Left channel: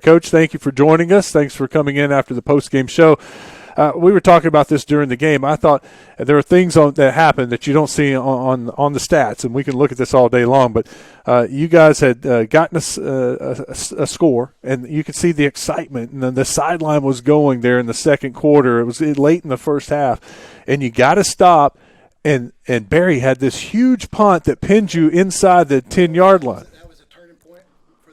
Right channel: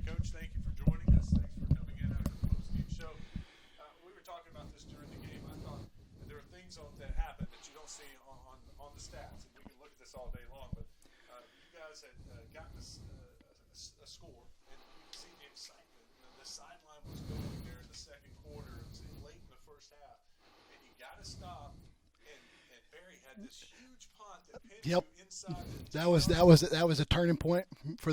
Coach, thank you for joining us. Thanks for coming in after the postgame show. We were talking about this during the game. I thought there are things that happen that you don't see on the stats, and we can look at this all day long. But you guys had gotten a score, and you could see the excitement, and then the sideline was going there in the second quarter. It was late in the first half, and you got to stop. And Barry had this huge punt that pinned you inside the 10-yard line. That was a turning point for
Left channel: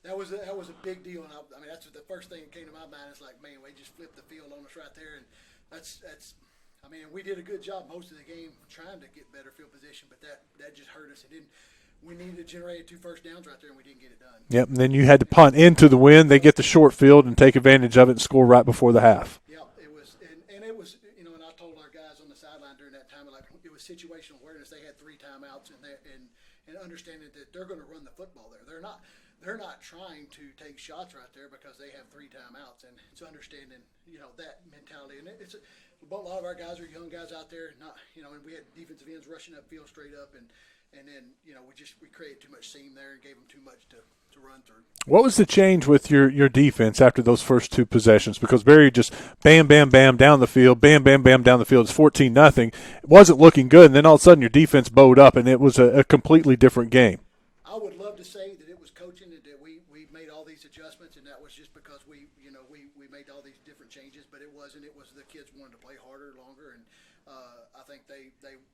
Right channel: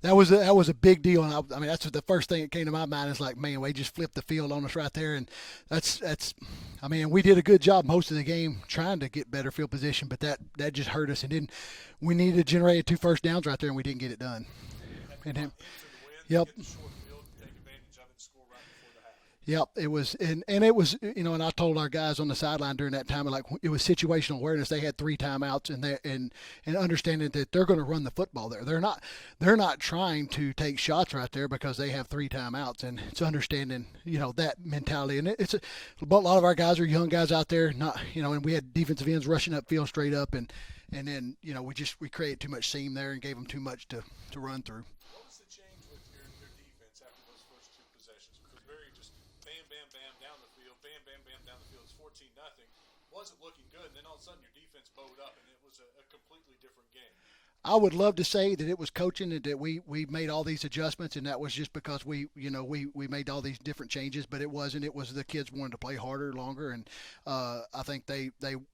That was a big deal, and I mean that's the first thing that came to my mind is like, man, we just flipped the field on us right there, and that's. I mean, we did a good job most of the game trying to get better field position, but that just hurt us, and then we needed to generate 2 first downs right there, and we didn't get it done. Yep, and then you had to punt into the wind. They get the short field and take advantage of it and score right before the half. Yep, it was, and it was, and I told our guys on the sideline during that time, like it was situational awareness. They had 3 timeouts, and understanding that they're going to run the football there. They're not trying to take shots right there because they have 3 timeouts, and it's understanding that mentality. And a lot of our guys are young guys out there, and we had defensive ends rushing upfield straight up, and then we created too much seam there and gave them too much to run through. What was the change with your defense after those first 2 possessions? Because Barry just bam, bam, bam down the field, bam, bam, bam down the field. It's 14-0. It wasn't looking good, and then all of a sudden your defense bowed up, and it was a completely different game. I would love to say that it was coaching and that we made all these adjustments, and that was just because we made all these different changes, but it wasn't. It was the kids wanted to play harder, longer, and I think they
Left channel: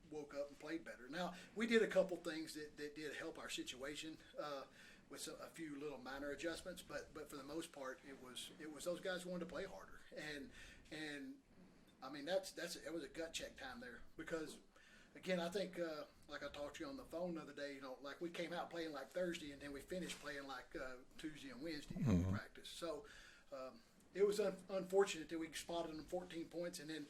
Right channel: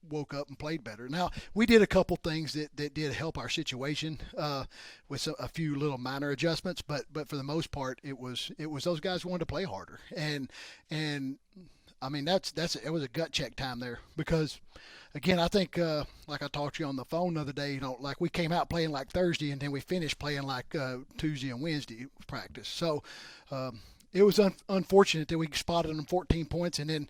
woke up and played better. Now, we did a couple things that did help our situation with a few little minor adjustments, but for the most part, it was those guys who wanted to play harder, and I mean it was a gut check time there because. Again, I think, like I talked to you on the phone the other day, like we came out playing like Thursday and then we finished playing like Tuesday and Wednesday practice. So it was unfortunate that we spotted them 14 points and then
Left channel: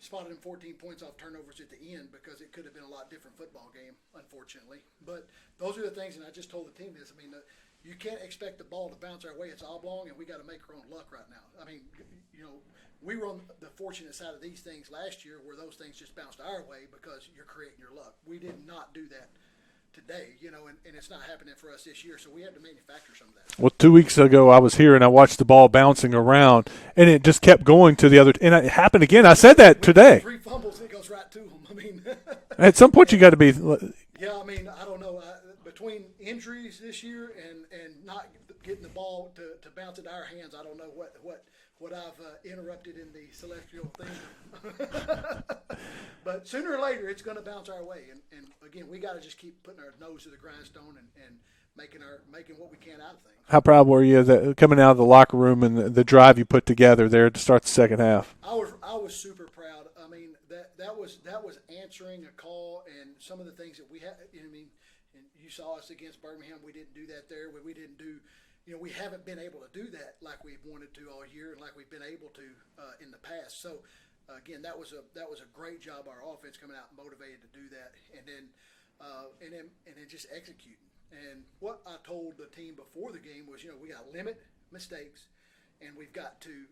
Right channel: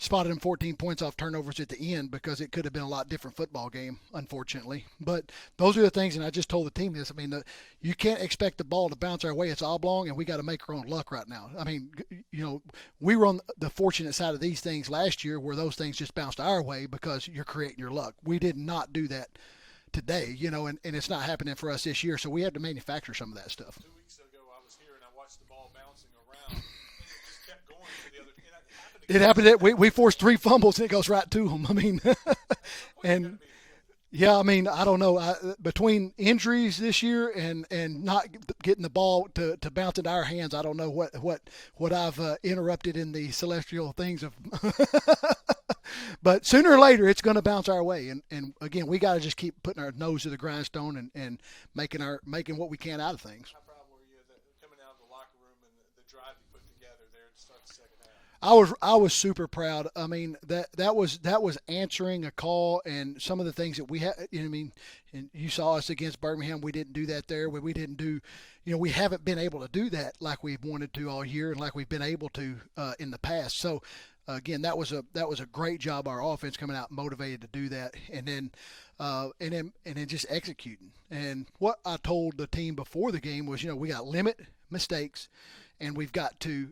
spotted them 14 points off turnovers at the end because it could have been a lot different football game, unfortunately. But those are the things, and I just told the team this. I mean, you can't expect the ball to bounce our way. It's oblong, and we got to make our own luck right now. I mean, we were on the fortunate side of these things last year where those things just bounced our way because you're creating your luck. We did not do that today, and it's not happening for us this year, so we had to manufacture some of that stuff. Well, 2 weeks ago I was here and I watched the ball bouncing around, and it just kept going to the other – and it happened again. I said that today. We forced 3 fumbles, and it goes right to them. I mean – at some point you got to be – yeah, I mean, I don't know. Between injuries this year and not getting the ball to bounce into our hands, I don't know what I've interrupted in the celestial things of but sooner or later it's going to bounce our way, and again, we got to just keep putting our nose to the grindstone and making what we can out of things. How proud were you coming out of the locker room and the drive you put together there to start the second half? I was super proud. I mean, that was answering a call, and some of the things that we had. I mean, and you saw us against Birmingham. We didn't do that there. We didn't do. We haven't been able to do that like we've wanted to all year, and like we've been able to in the past. So. Again, that was a great job. Our offense coming out motivated to do that, and then just executing. And what I told the team before the game was, we got to limit mistakes, and we've got to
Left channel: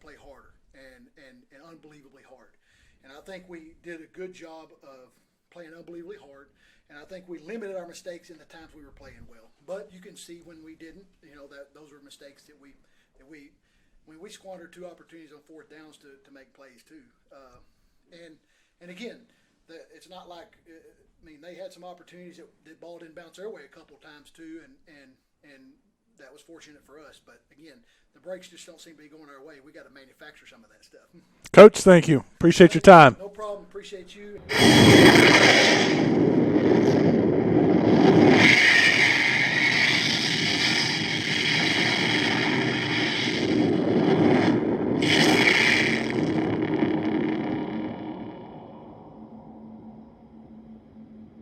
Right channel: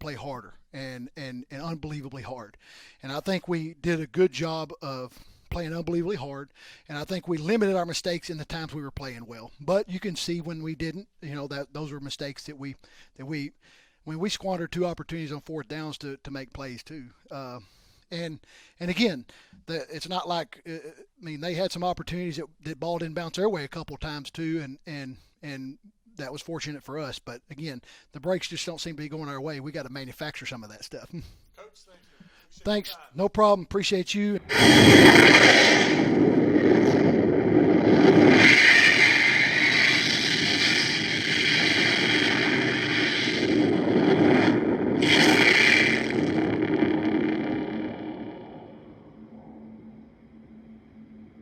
play harder and unbelievably hard. And I think we did a good job of playing unbelievably hard, and I think we limited our mistakes in the times we were playing well. But you can see when we didn't, that those were mistakes that we. When we squandered 2 opportunities on 4th downs to make plays too, and again, it's not like they had some opportunities that ball didn't bounce their way a couple of times too, and that was fortunate for us. But again, the breaks just don't seem to be going our way. We got to manufacture some of that stuff. Coach, thank you. Appreciate your time. No problem. Appreciate you.